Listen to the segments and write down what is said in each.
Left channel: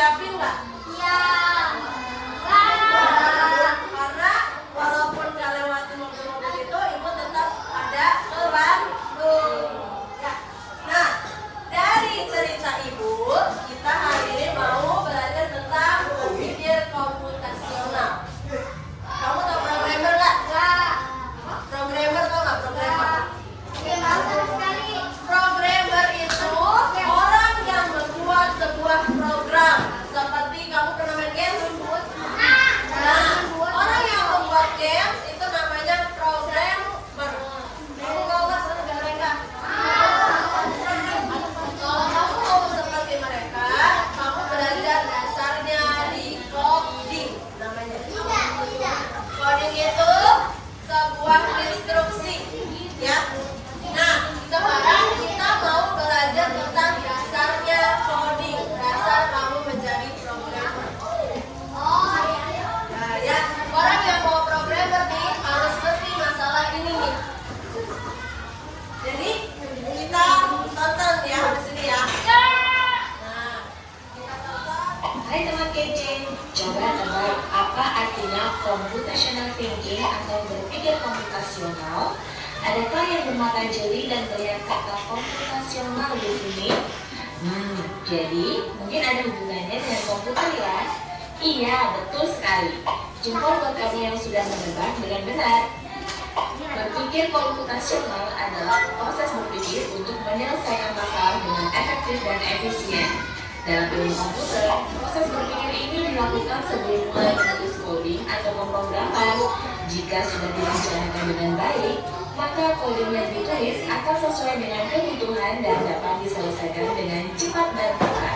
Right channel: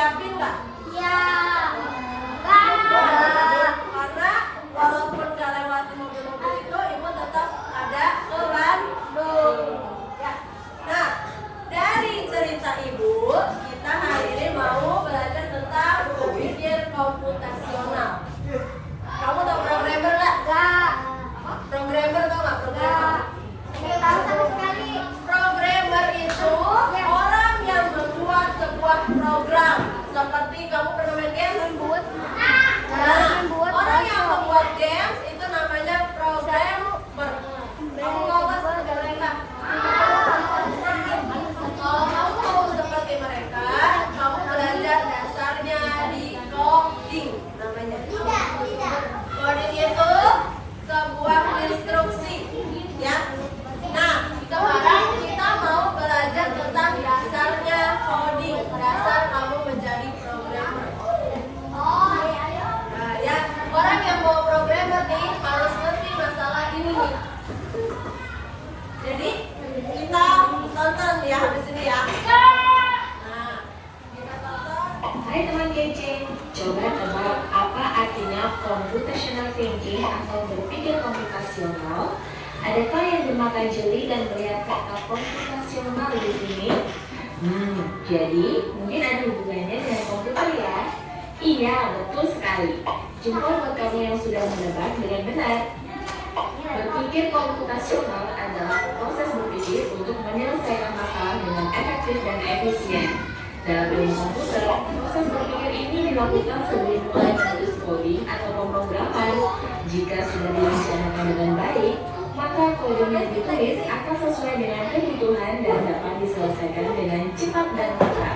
siapin nggak? Ya. Karena walaupun nggak lewati mobil-mobil itu, ibu tetap ada ke Bandung. Ya. Nah, dari cerita ibu, kita hari ini mau belajar tentang berpikir komputasional. Kamu tahu programmer nggak? Programmer tuh nggak programmer? Programmer itu orang yang membuat sebuah program. Seperti kamu pernah main games? Nah, orang yang membuat games itu namanya programmer. Kamu nggak seperti mereka? Kalau kamu mau seperti mereka, kamu belajar dasarnya di coding namanya. Coding itu sebuah instruksi, ya. Nah, sekarang kita mau belajar tentang dasarnya coding, dasar kamu menjadi programmer. Nah, ya, orang yang mau programmer nih harus ngerti masalah ini nih. Jadi kita tonton ya habis ini ya. Nah, kita tonton. Hai teman kece, coba tebak apa artinya computational thinking atau berpikir komputasional? Adakah yang bermata jeli dan melihat kata komputasional di sini? Jadi mungkin ada hubungannya dengan komputer ya? Iya, betul sekali. Jempol buat kamu yang sudah menebak dengan benar. Berpikir komputasional adalah proses berpikir untuk menyelesaikan masalah dengan efektif dan efisien. Dalam ilmu komputer, proses berpikir ini dilakukan sebelum mulai menulis coding atau pemrograman. Jika sudah direncanakan dengan baik, maka kode yang ditulis akan sesuai dengan kebutuhan dan dapat diselesaikan dengan cepat dan tepat.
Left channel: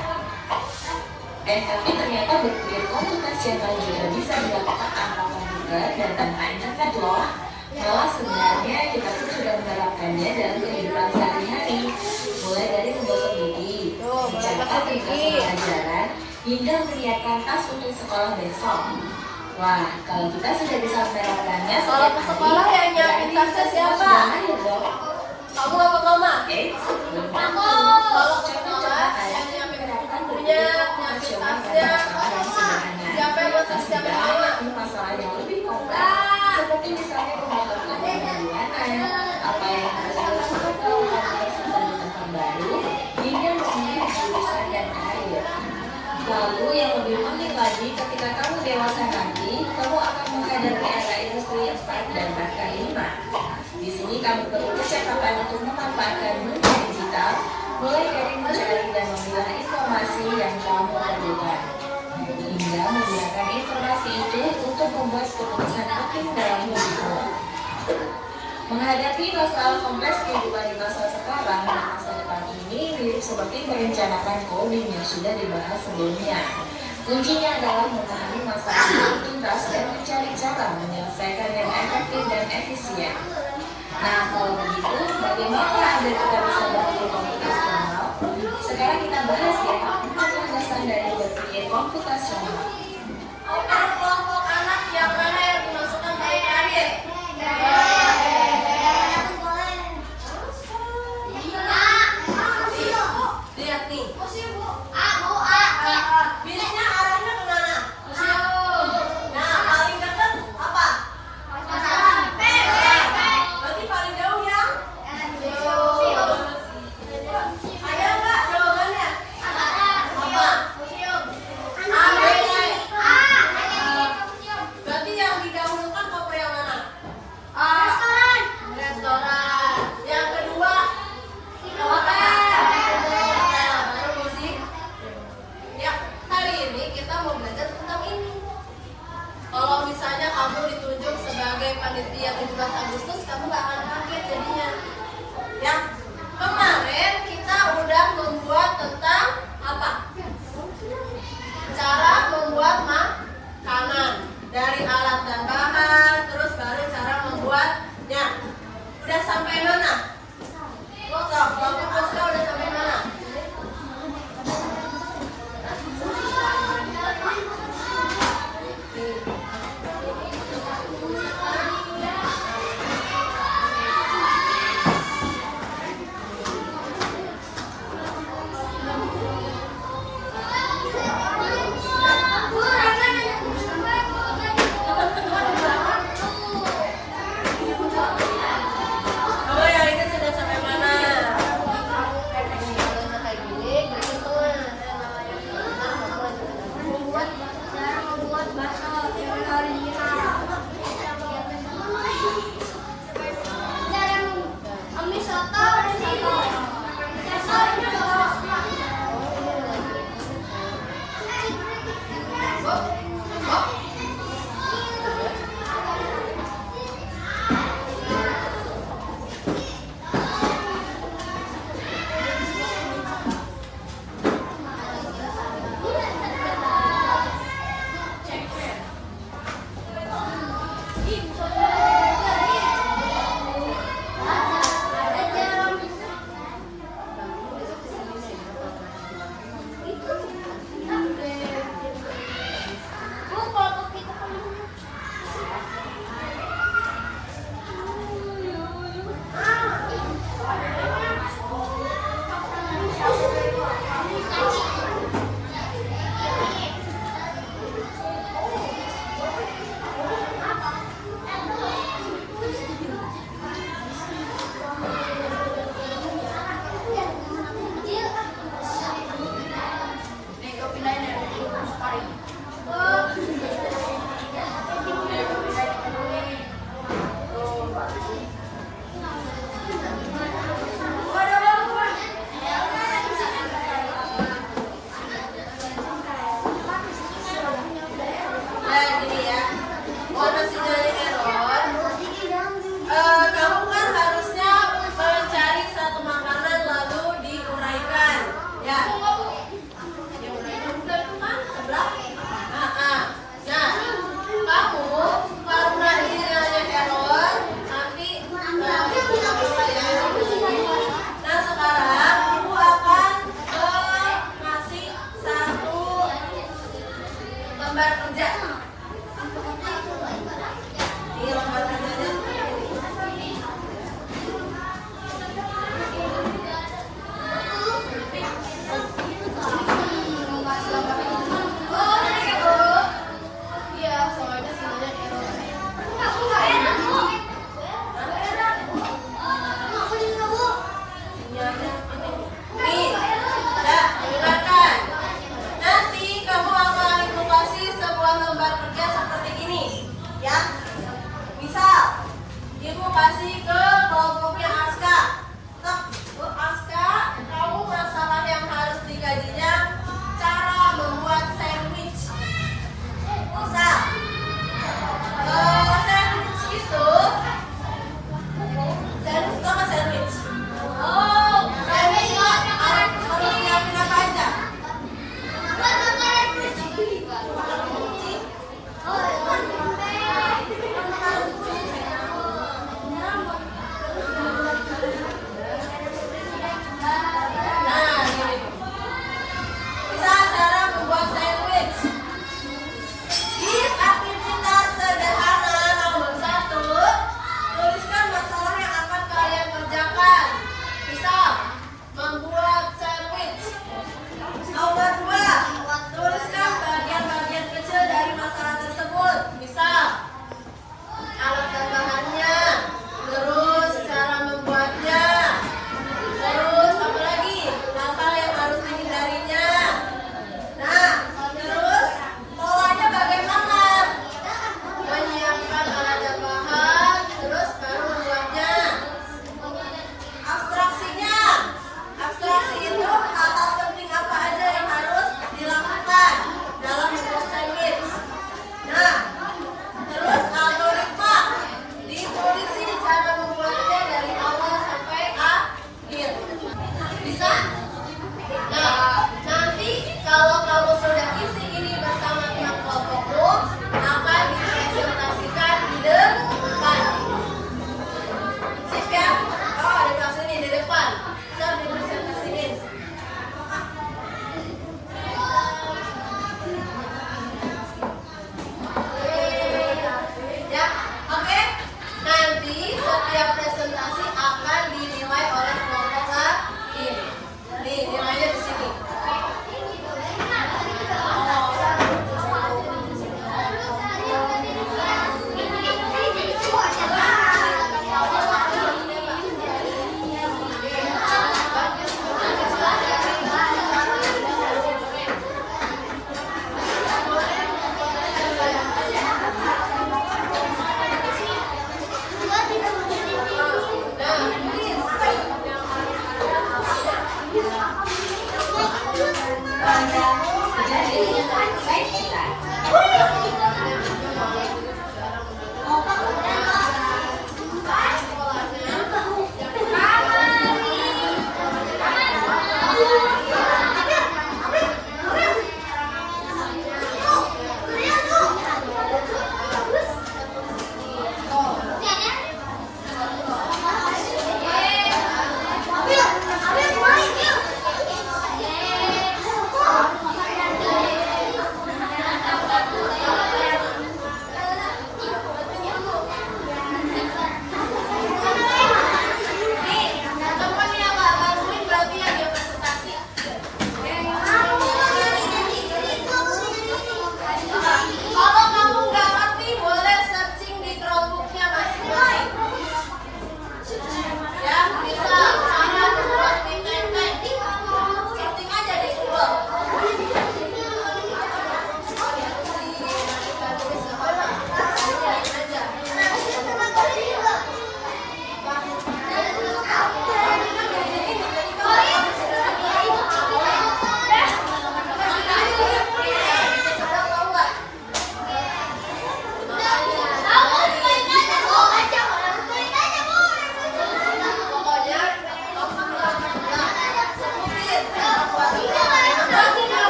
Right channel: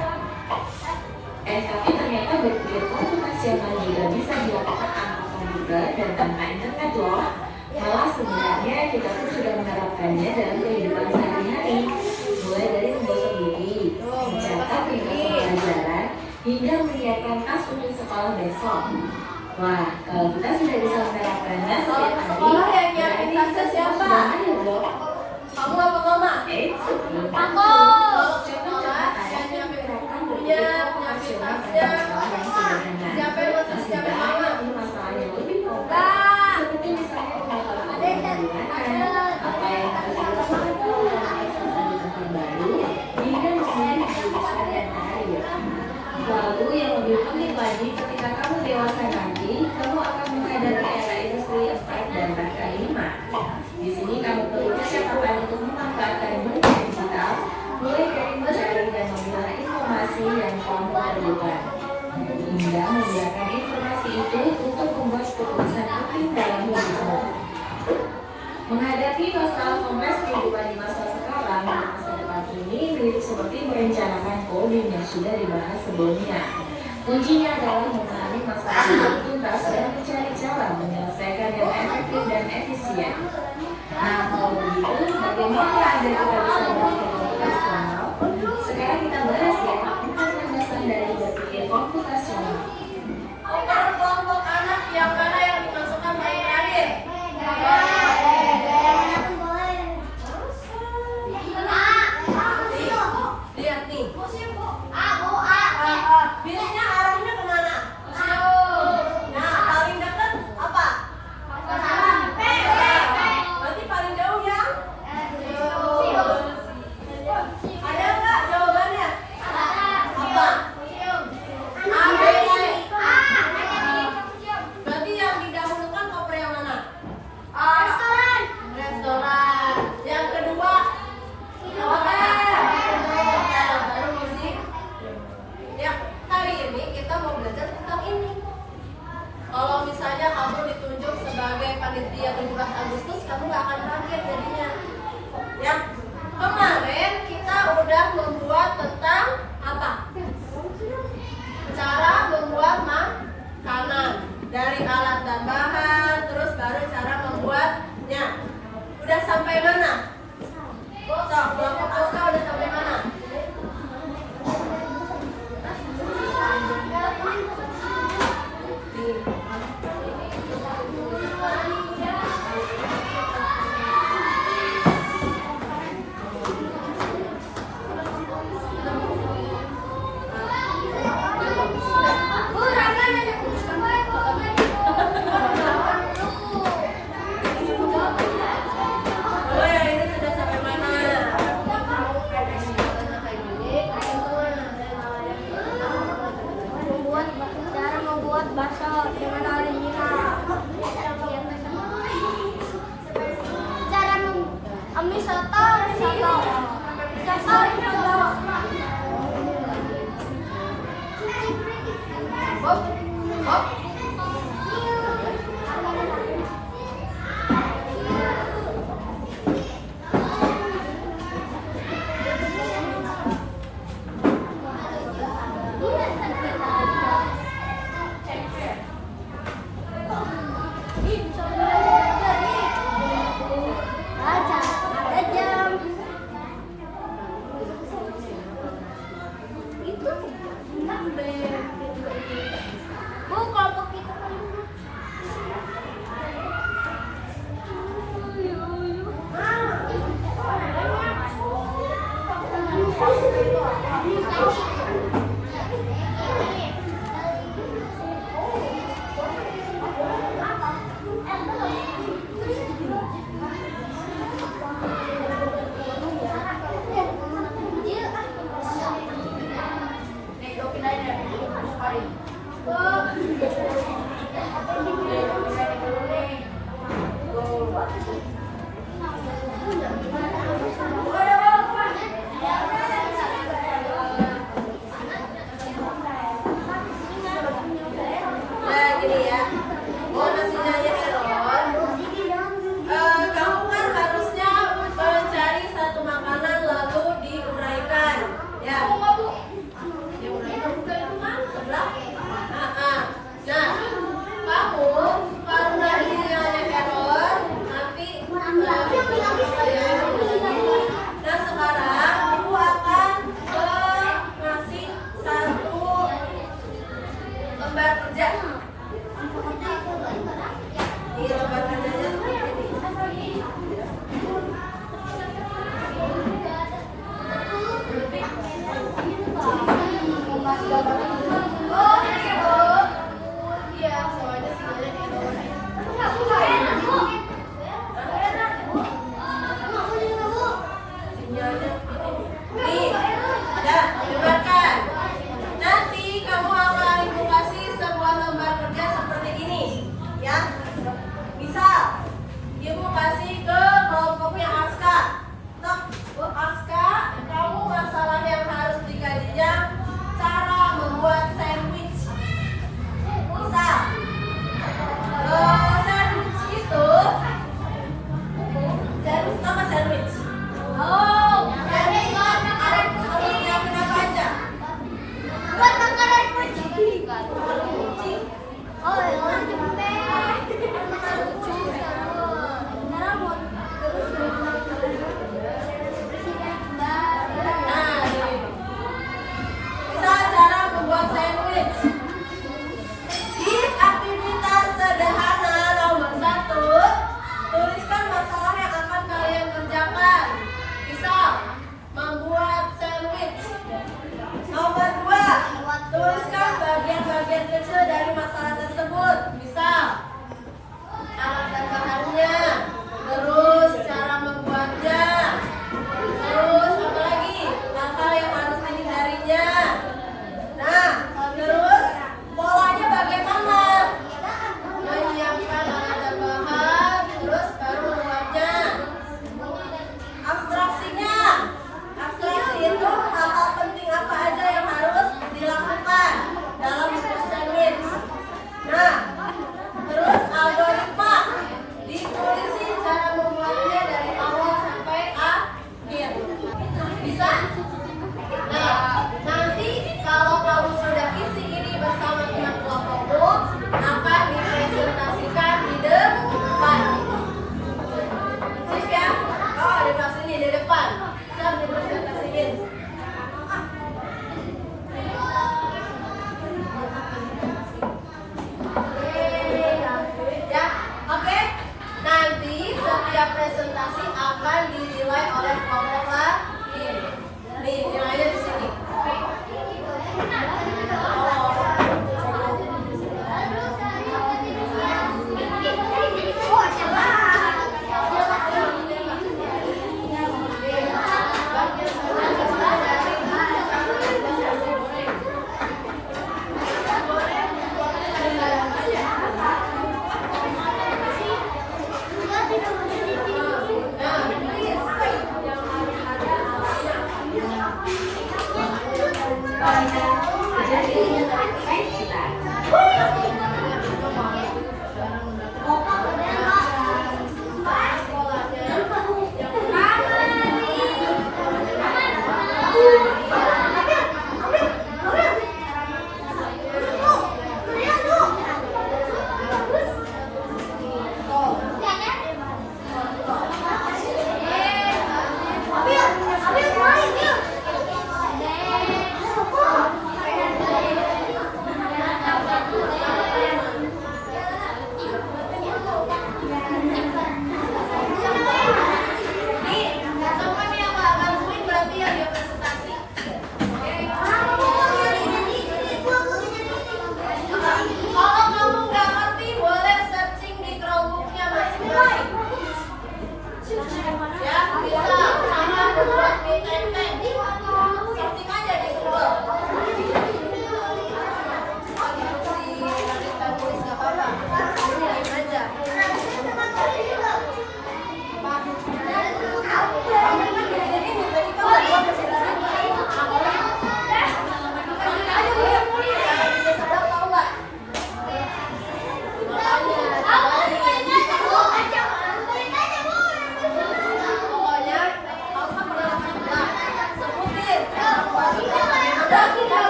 Tapi ternyata berpikir komputasional juga bisa dilakukan tanpa komputer dan tanpa internet loh. Malah sebenarnya kita pun sudah menerapkannya dalam kehidupan sehari-hari, mulai dari menggosok gigi, mencatat tugas pelajaran, hingga menyiapkan tas untuk sekolah besok. Wah, kalau kita sudah bisa menerapkannya setiap hari, berarti kita semua sudah mahir dong. Kamu apa mama? Sebelum Aku. coba tanya menerapkan berpikir komputasional pada masalah yang sederhana. Meski masalahnya lebih kompleks, seperti misalnya pembuatan pembuatan, apa yang harus dilakukan kalau kamu selesai di tempat baru, hingga memilih jurusan dan karir. Lalu yang lebih penting lagi, ketika kamu dewasa nanti, kamu akan menghadapi era industri 4 dan bahkan 5. Di sini kamu perlu kecakapan untuk memanfaatkan dunia digital, mulai dari mencari dan memilah informasi yang kamu perlukan, hingga menggunakan informasi itu untuk membuat keputusan penting dalam hidupmu. Menghadapi masalah kompleks kehidupan di masa sekarang dan masa depan ini mirip seperti merencanakan coding yang sudah dibahas sebelumnya. Kuncinya adalah memahami masalah yang tuntas dan mencari cara menyelesaikan yang efektif dan efisien. Nah, kalau begitu, bagaimana agar kita bisa berpikir komputasional? Sekarang kita bahas ya, 4 landasan dari berpikir komputasional. Untuk kelompok anak yang mana yang dimasukkan ke terakhir? Lihat nih. Bilnya arahnya kemana? Nah, paling dekat apa? Berarti paling jauh yang? Ada nggak jawabannya? Apa? Berarti yang didahulukan koper yang mana? Restoran. Yang kedua? Hotel. Baru musik. Ya, kali ini kita mau belajar tentang ini. Kalau misalnya kamu ditunjuk sebagai panitia 17 Agustus, kamu gak akan kaget jadinya. Ya, kemarin kita udah membuat tentang apa? Cara membuat makanan dari alat dan bahan, terus baru cara membuatnya. Udah sampai mana? Kelompok Aska udah sampai mana? bakso dengan original. Jangan mie soto di sini. Bob, Bob.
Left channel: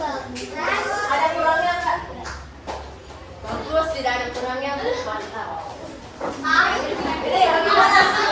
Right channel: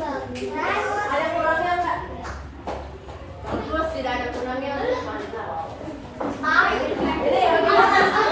Ada kurangnya nggak? Bagus, tidak ada kurangnya. Mantap. Ini bagaimana?